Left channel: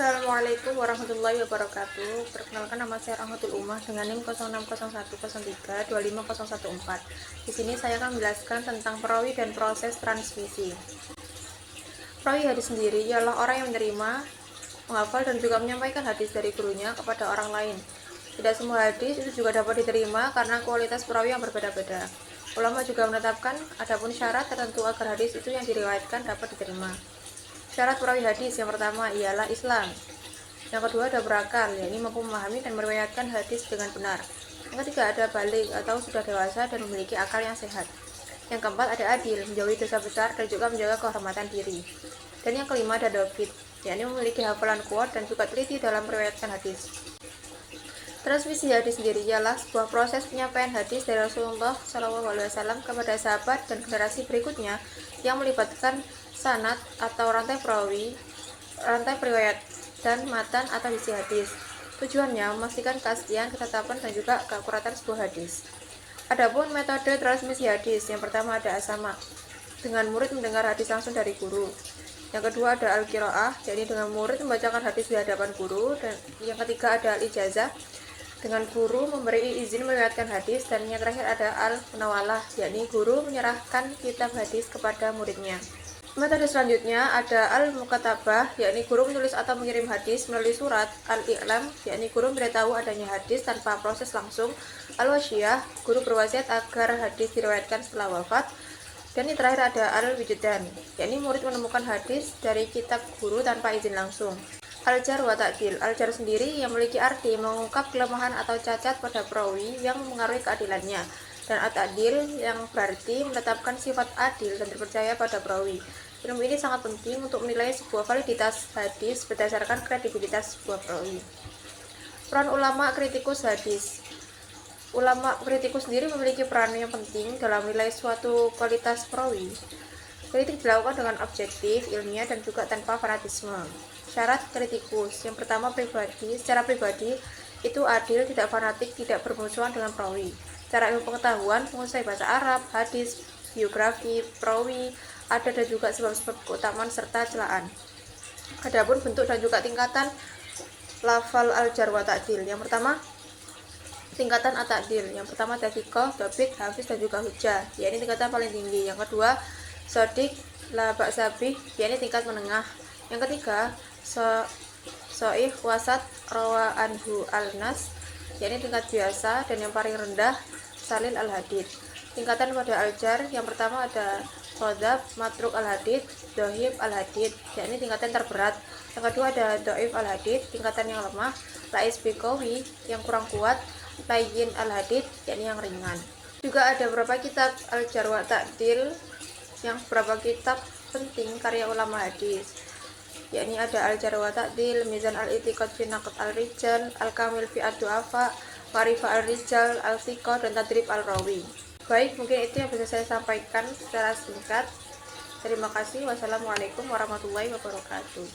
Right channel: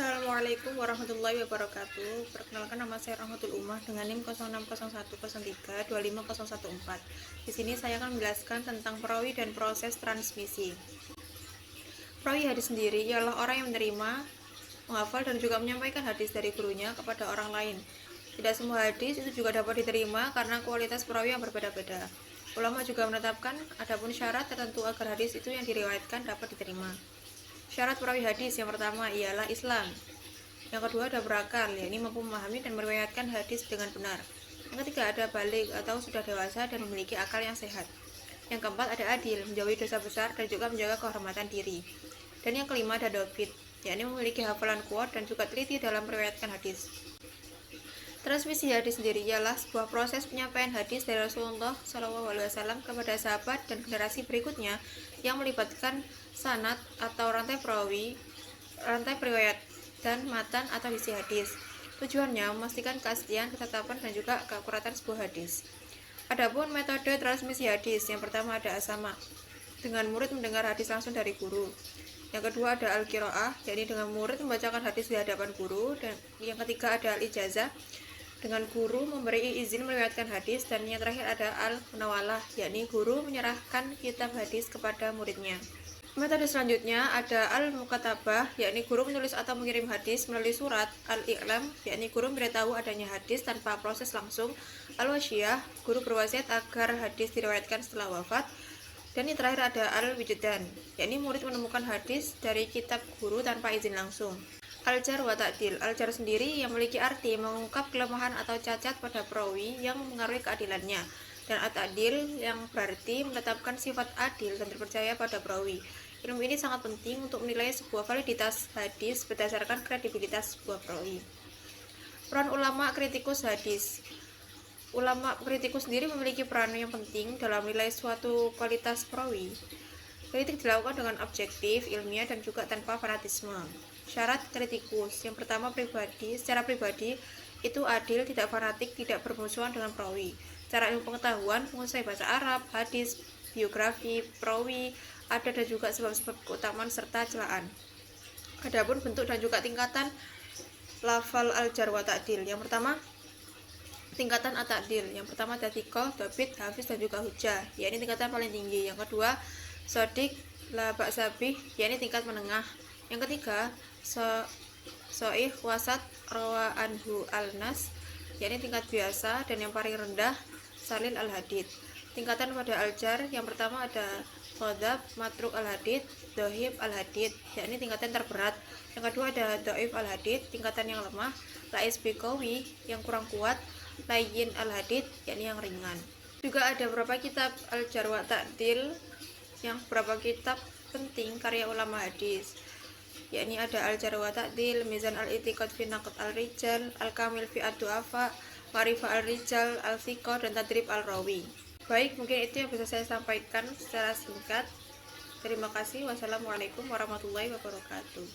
Assalamualaikum warahmatullahi wabarakatuh. Perkenalkan, nama saya Rahmatul Umah dengan NIM 060103250114. Di sini saya akan menjelaskan tentang perawi dan proses transmisi. Perawi hadis sendiri ialah orang yang menerima, menghafal dan juga menyampaikan hadis dari gurunya kepada orang lain. Tidak semua hadis itu juga dapat diterima karena kualitas perawi yang berbeda-beda. Ulama juga menetapkan adapun syarat tertentu agar hadis itu yang diriwayatkan dapat diterima. Syarat perawi hadis yang pertama ialah Islam. Yang kedua ada berakal, yakni mampu memahami dan meriwayatkan hadis dengan benar. Yang ketiga ada balik atau sudah dewasa dan memiliki akal yang sehat. Yang keempat ada adil, menjauhi dosa besar dan juga menjaga kehormatan diri. Dan yang kelima ada dobit, yakni memiliki hafalan kuat dan juga teliti dalam meriwayatkan hadis. Transmisi hadis sendiri ialah sebuah proses penyampaian hadis dari Rasulullah SAW kepada sahabat dan generasi berikutnya yang melibatkan sanad atau rantai perawi, rantai periwayat, dan matan atau isi hadis. Tujuannya memastikan keaslian, ketetapan, dan juga keakuratan sebuah hadis. Adapun metode transmisi hadis, yang pertama ada as-sama, dengan murid mendengar hadis langsung dari guru. Yang kedua ada al-qiraah, yakni dengan murid membacakan hadis di hadapan guru. Dan yang ketiga ada al-ijazah, dengan guru memberi izin meriwayatkan hadis. Dan yang terakhir ada al-munawalah, yakni guru menyerahkan kitab hadis kepada muridnya. Metode selanjutnya ada al-mukatabah, yakni guru menulis atau mengirim hadis melalui surat. Al-i'lam, yakni guru memberitahu adanya hadis tanpa proses langsung. Al-wasiyah, guru berwasiat agar hadis diriwayatkan setelah wafat. Dan yang terakhir ada al-wijdan, yakni murid menemukan hadis dari kitab guru tanpa izin langsung. Al-jar wa ta'dil, al-jar sendiri yang memiliki arti mengungkap kelemahan atau cacat pada perawi yang mengaruhi keadilannya. Dan at-ta'dil yang berarti menetapkan sifat adil dan terpercaya pada perawi. Ilmu ini sangat penting untuk menilai sebuah validitas hadis berdasarkan kredibilitas sebuah perawi. Peran ulama kritikus hadis. Ulama kritikus sendiri memiliki peran yang penting dalam menilai suatu kualitas perawi. Kritik dilakukan dengan objektif, ilmiah, dan juga tanpa fanatisme. Syarat kritikus yang pertama secara pribadi itu adil, tidak fanatik, tidak bermusuhan dengan perawi. Secara ilmu pengetahuan, menguasai bahasa Arab, hadis, biografi, perawi, adat dan juga sebab-sebab keutamaan serta celaan. Adapun bentuk dan juga tingkatan lafal al-jar wa ta'dil. Yang pertama, tingkatan at-ta'dil. Yang pertama ada thiqah, dhabit, hafiz dan juga hujjah, yakni tingkatan paling tinggi. Yang kedua, shadiq, la ba'sabih, yakni tingkat menengah. Yang ketiga, so'ih, wasat, rawa anhu al-nas, yakni tingkat biasa. Dan yang paling rendah, salil al-hadid. Tingkatan pada al-jar yang pertama ada qadzab, matruk al-hadid, dohib al-hadid, yakni tingkatan terberat. Yang kedua ada doif al-hadid, tingkatan yang lemah. Lais biqawi, yang kurang kuat. Layyin al-hadid, yakni yang ringan. Juga ada beberapa kitab al-jar wa ta'dil, yang beberapa kitab penting karya ulama hadis, yakni ada al-jar wa ta'dil, mizan al-i'tiqad fi naqd al-rijal, al-kamil fi ad-du'afa, ma'rifah al-rijal, al-thiqah, dan tadrib al-rawi. Baik, mungkin itu yang bisa saya sampaikan secara singkat. Terima kasih. Wassalamualaikum warahmatullahi wabarakatuh.